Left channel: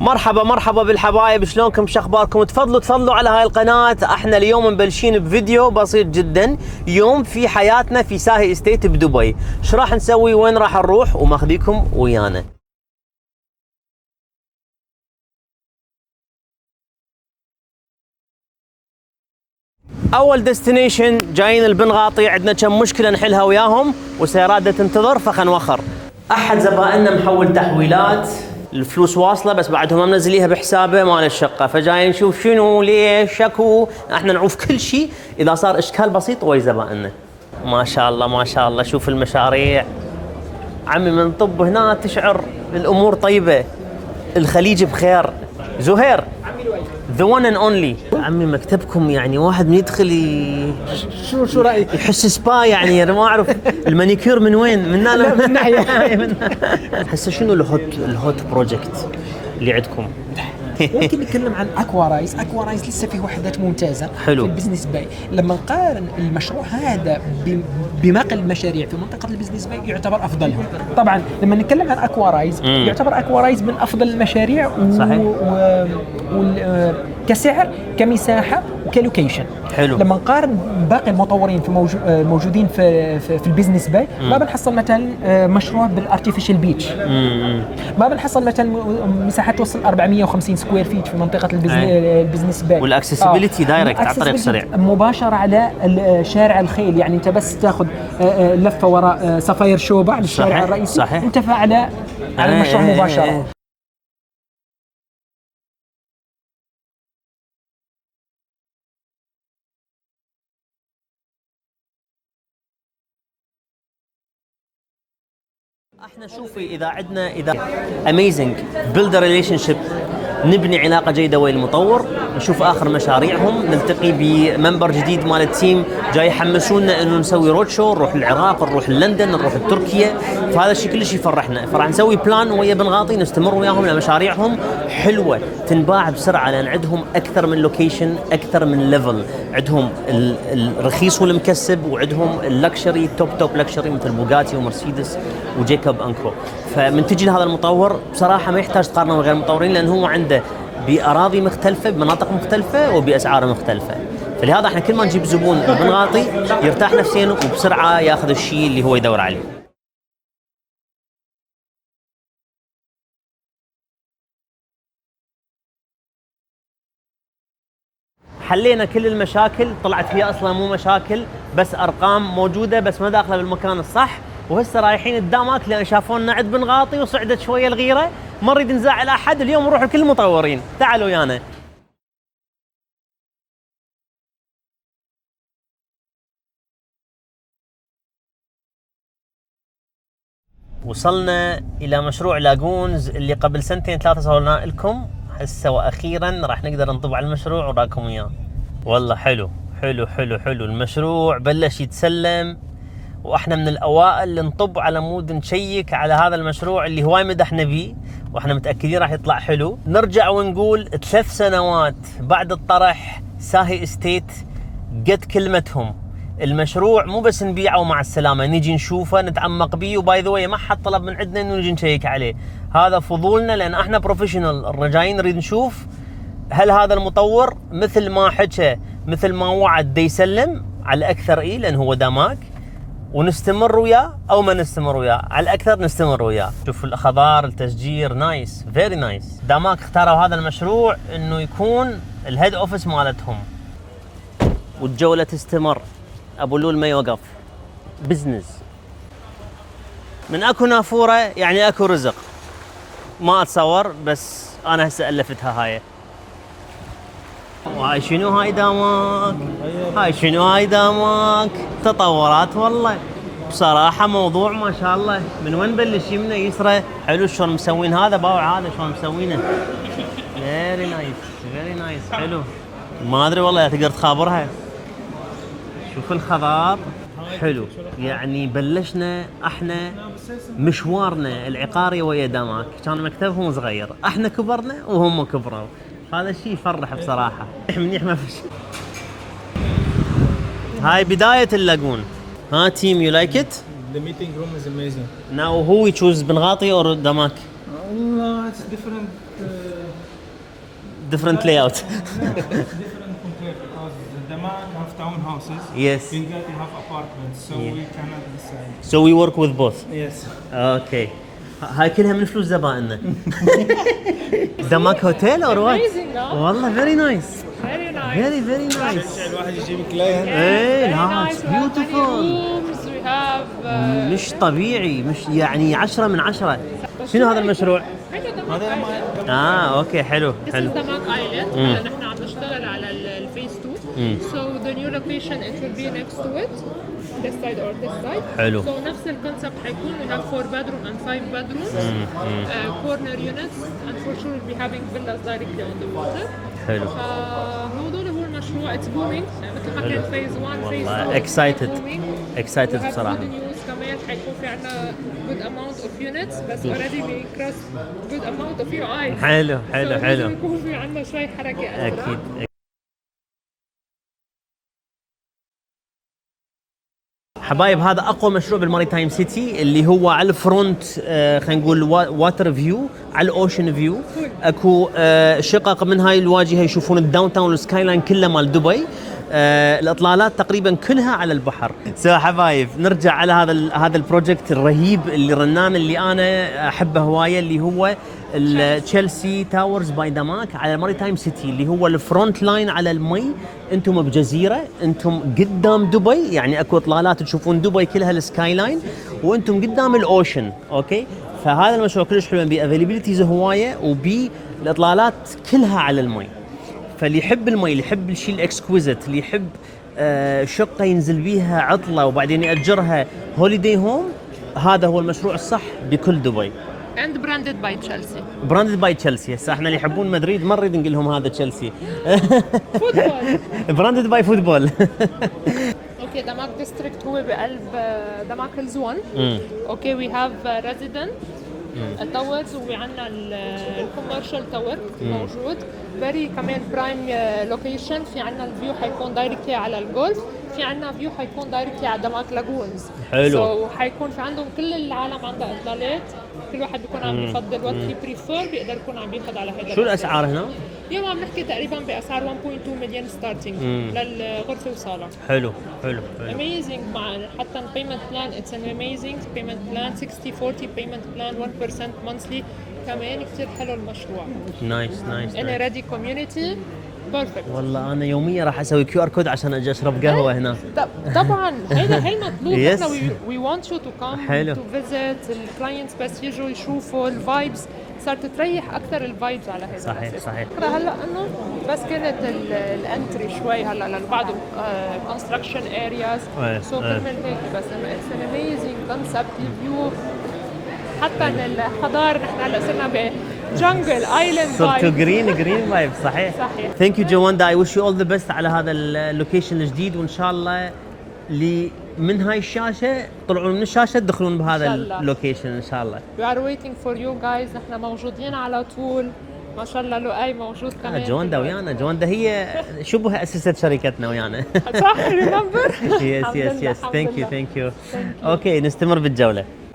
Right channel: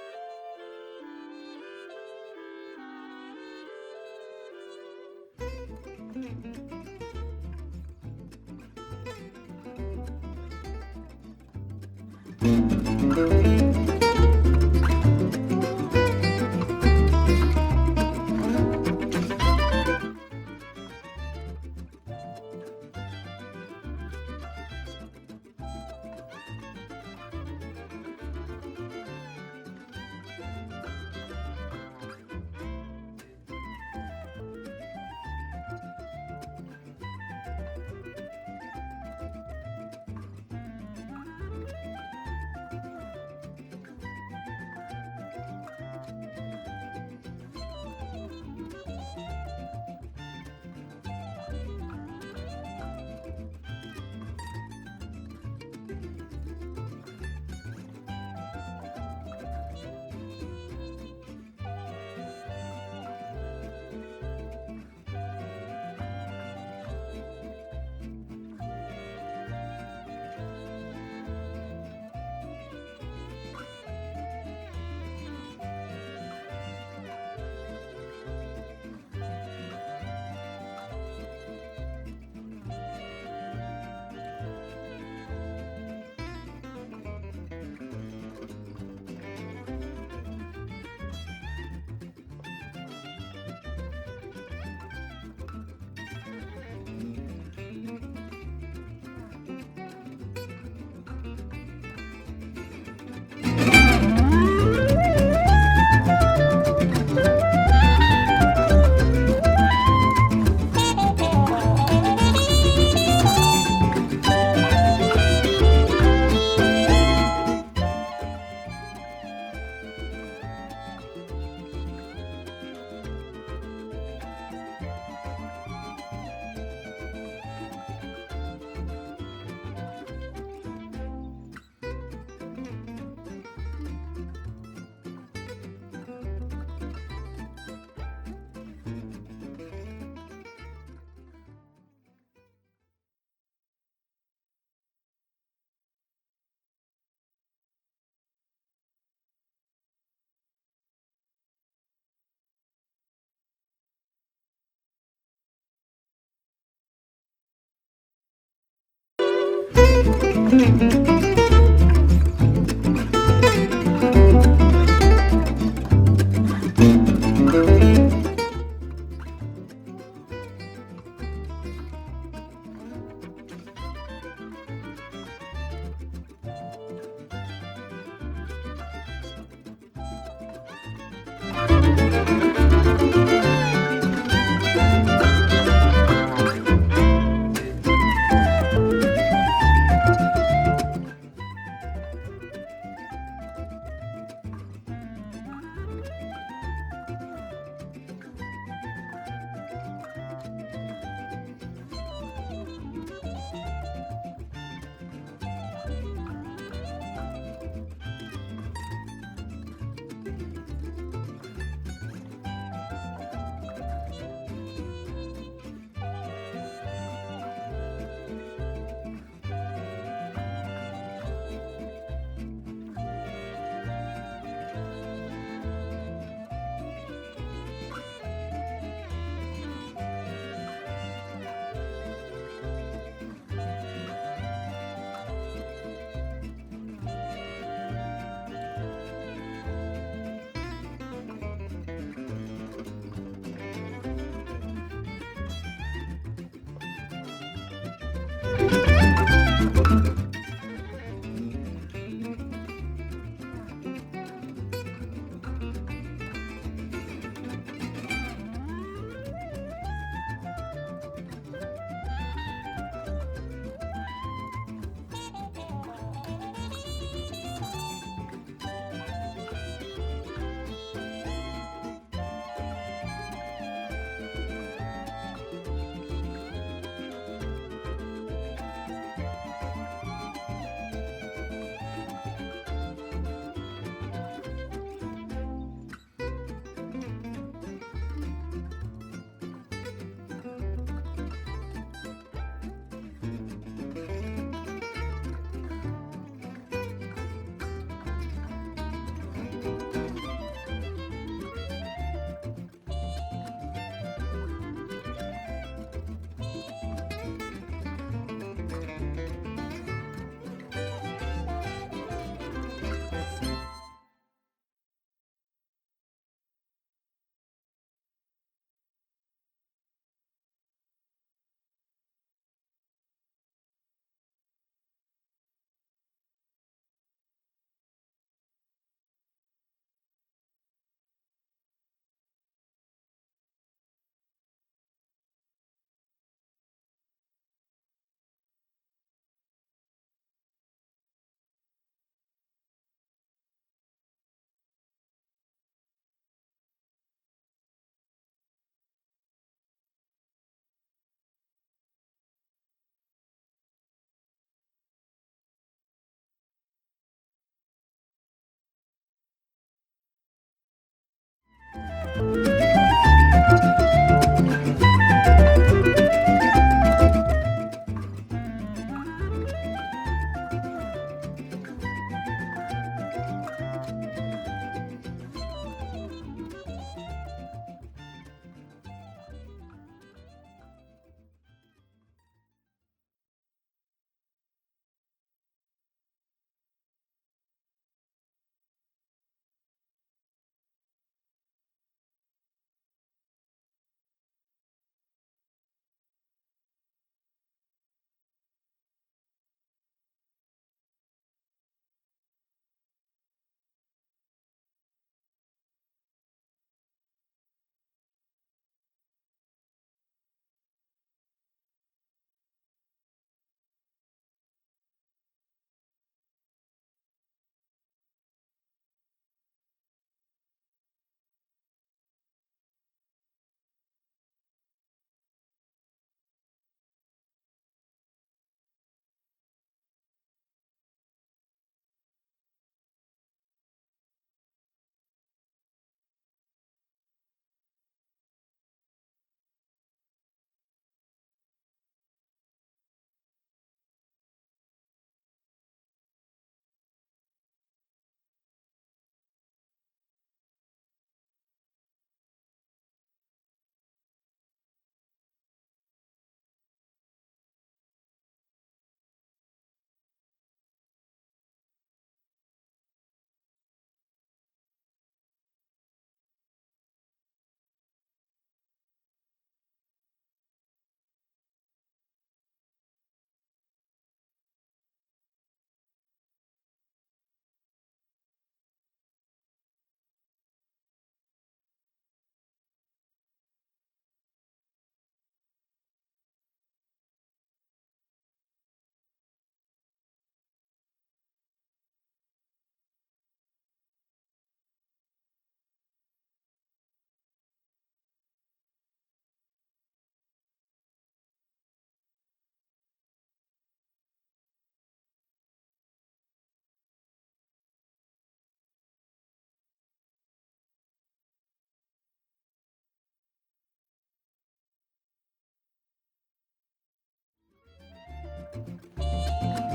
مرحبا مرحبا بالحبايب، شلونكم؟ شخباركم؟ تفضلوا على هاي القناة. احنا اليوم مبلشين بفيديو بسيط جدا، يوم في حياتنا في ساهي استيت بدبي. ايش راح نسوي؟ وين راح نروح؟ وماخذيكم ويانا. اول ديستنيشن جايين البنغاطي، عندنا كم مشكلة نحلها وياهم وسيارات تنتظر فخنوخر. احد زبائننا محول تحويلات، الفلوس واصله بس بعدهم ما منزليها بحسابه مال الشقه، فجاي نشوف شنو ليش شكو. احنا نعوف كل شيء، اذا صار اشكال بسيط ويا زبائننا. ما شاء الله ما شاء الله، شوف المشاريع عمي. من طب هنا تشعر الامور طيبه، الخليج بخير. زهير the one and only. عمي مكتبكم يعني واحد من يدخل شو رايك؟ يحس سبا يعني. انا ما اعرف المانيكير من وين، من هنا من ناحيه. هسه شنو الهوت بروجكت اللي عندكم؟ ممكن نتكلم عن اكوا رايز. اكوا رايز لسه فيه وحدات ممتازه حلو. في البزنس باي. لما نقارن المشروع هذا بباقي المشاريع في منطقه البزنس باي يعتبر افضلهم. طبعا لما نتكلم عن اكوا رايز يعتبر اكوا رايز من افضل المشاريع صحيح. كسعر كمساحه وكلوكيشن. حلو. لما نقارن باقي المطورين في موجودين في البزنس باي ما بنحصل مثلا مشروع بالارتفيشال بيتش، ما بنحصل مثلا مساحات توصل 450 سكوير فيت في منطقه البزنس باي. والاكسسبيليتي دايركت على طريق سريع مباشره على شارع الخيل، يعني انت بس تاخذ لفه وراء صفاير شوبه على الشارع الرئيسي. صحيح. انت على المشروع مباشره. اميزنج بيلد ريليشن شيب، نبني علاقه جيده ويا المطور، نشوف اخر مشاريعهم، نلتقي بممبر جديد مال التيم جاي يحمسونا انه نسوي رود شو، نروح العراق، نروح لندن، نروح تركيا. فهذا الشيء كلش يفرحنا. فراح نسوي بلان ويا بنغاطي نستمر وياهم لمشاريعهم حلوه تنباع بسرعه، لان عندهم اكثر من لوكيشن، اكثر من ليفل. عندهم الرخيص والمكسب، وعندهم اللكشري توب لكشري مثل بوغاتي ومرسيدس وجيكوب انكو. فمن تجي لهذا المطور بصراحه ما يحتاج تقارنه من غير المطورين، لان هو عنده بأراضي مختلفة، بمناطق مختلفة، وبأسعار مختلفة. فلهذا احنا كل ما نجيب زبون بنغاطي يرتاح نفسيا وبسرعة ياخذ الشيء اللي هو يدور عليه. حلينا كل المشاكل، طلعت هي اصلا مو مشاكل، بس ارقام موجودة بس ما داخلة بالمكان الصح. وهسه رايحين قدامك لان شافونا عند بنغاطي وصعدت شوية الغيرة، ما نريد نزعل احد. اليوم نروح لكل المطورين، تعالوا ويانا. وصلنا الى مشروع لاجونز اللي قبل سنتين ثلاثه صورنا لكم. هسه واخيرا راح نقدر نطب على المشروع وراكم اياه. والله حلو حلو حلو حلو. المشروع بلش يتسلم، واحنا من الاوائل اللي نطب على مود نشيك على هذا المشروع اللي هواي مدحنا بيه، واحنا متاكدين راح يطلع حلو. نرجع ونقول 3 سنوات بعد الطرح ساهي استيت قد كلمتهم. المشروع مو بس نبيعه ومع السلامه، نجي نشوفه نتعمق بيه. وباي ذا واي ما حد طلب من عندنا انه نجي نشيك عليه، هذا فضولنا لان احنا بروفيشنال. الرجايين نريد نشوف هل هذا المطور مثل ما حكى مثل ما وعد دي يسلم على الاكثر، لان هو داماك، ونستمر وياه او ما نستمر وياه. على الاكثر نستمر وياه. شوف الاخضار، التشجير، نايس فيري نايس. داماك اختاروا هذا المشروع انه يكون الهيد اوفيس مالتهم، والجوله تستمر. ابو لول ما يوقف، بزنس. من اكو نافوره يعني اكو رزق. ما اتصور، بس انا هسه الفتها هاي. وهاي شنو هاي داماك؟ هاي شنو هاي داماك؟ تطورات والله بصراحة. موضوع ما شاء الله. من وين بلش يمنا يسرى؟ حلو شلون مسوين هذا باوع، هذا شلون مسوينه. فيري نايس فيري نايس. حلو. ما ادري والله تقدر تخابرها. شوف الخضار حلو. يعني بلشنا احنا مشوارنا العقاري ويا داماك، كان مكتبهم صغير، احنا كبرنا وهم كبروا. هذا الشيء يفرح بصراحة. منيح ما في شيء. هاي بداية اللاجون. ها team, you like it? The meeting room is amazing. Now who we choose, بنغاطي or داماك? No, it's different different layout. Damak have townhouses. Yes. Benghazi have apartments, so we cannot decide. So we work with both. Yes. Okay. هاي كلها من فلوس زبائننا. دماك هوتيل or what؟ Amazing, no? والله very nice. Very nice. Very nice. الواحد يجيب كلاينت. ايه Very لا nice. it's We have many beautiful. rooms. We have. مش طبيعي مش يعني 10 من 10. شنو هذا المشروع؟ هذا اوكي حلو This حلو. is Damak Island. نحن عم نشتغل على الفيس 2. So the new location it will be next to it. This side or this side. حلو. So نفس الكونسبت حيكون we have 4 bedroom and 5 bedrooms. Corner units and for sure we'll be having villas directly on the water. حلو. فهذول هو المشروع it's booming مثل ما كان فيز 1 فيز 2 والله excited. excited We have بصراحة. good news كمان حيكون في عنا good amount of units بس already we crossed good amount of UIs. حلو So حلو لازم حلو. يكون في عنا شوي حركة أسرع. اكيد. حبايب هذا اقوى مشروع بالماريتايم سيتي اللي هو على الفرونت خلينا نقول واتر فيو على الاوشن فيو. اكو شقق من هاي الواجهه يشوفون الداون تاون والسكاي لاين كله مال دبي. الاطلالات تقريبا كلها على البحر. حبايب نرجع على هذا البروجكت الرهيب اللي رنان اللي انا احبه هوايه اللي هو تشيلسي تاورز باي دماك على ماريتايم سيتي اللي هو الفرونت لاين على المي. انتم بجزيره انتم قدام دبي يعني اكو اطلالات تشوفون دبي كلها السكاي لاين وانتم قدام الاوشن. اوكي فهذا المشروع كلش حلو بافيلابيلتيز هوايه وبي الاطلالات كلها على المي. فاللي يحب المي اللي يحب الشيء الاكسكويزيت اللي يحب شقه ينزل بيها عطله وبعدين ياجرها هوليداي هوم هذا هو المشروع الصح بكل دبي. And branded by Chelsea. براندد باي تشيلسي. هسه احنا اللي يحبون مدريد ما نريد نقول لهم هذا تشيلسي. Football. براندد باي فوتبول. اوكي دماك ديستريكت هو بقلب دماك هيلز 1. اوكي وي هاف ريزيدنت التاورز وعندنا الكوميرشال تاور موجود. فيري كمان برايم لوكيشن. في عندنا الفيو حيكون دايركتلي على الجولف. في عندنا فيو حيكون دايركتلي على دماك لاجونز. حلو. سو حيكون في عندهم كل العالم عندها اطلالات. كل واحد بيكون عم يفضل وات هي بريفير بيقدر يكون عم ياخذ على هذا. شو الاسعار هنا؟ اليوم عم نحكي تقريبا باسعار 1.2 مليون ستارتنج للغرفه وصاله. حلو حلو حلو. Amazing مع حتى البيمنت بلان it's an amazing payment plan 60-40 payment plan 1% monthly كمان كثير حلو المشروع. نايس نايس. in a ready community perfect. والله انا يوميا راح اسوي QR كود عشان اجي اشرب قهوه هنا. طبعا هيدا المطلوب. Yes. احنا we want you to come حلو. to visit الكلاينتس بس يجوا يشوفوا الفايبس صارت تريح اكثر الفايبس على هذا صحيح، الأساس. صحيح. هلا انه بس كانت الانتري شوي هلا لبعض كونستراكشن ارياز إيه، سو إيه. كرمال هيك بس اتس ان اميزنج كونسبت الفيو حتى الحضاره نحن هلا صرنا بجنجل ايلاند صرتوا جرين فايب. صحيح صحيح. ثانك يو جواندا. اي ويش يو اول ذا بيست على هذا اللوكيشن الجديد وان شاء الله اللي من هاي الشاشه طلعون من الشاشه تدخلون بهذا إن شاء الله. اللوكيشن ان شاء الله. we are waiting for you guys. نحن موجودين على طول ما شاء الله. لؤي موجود كمان. جواندا ويانا. جواندا هي شبه اسست شركتنا ويانا. صح ريمبر. يس ثانك يو اوكي نستمر بالجوله.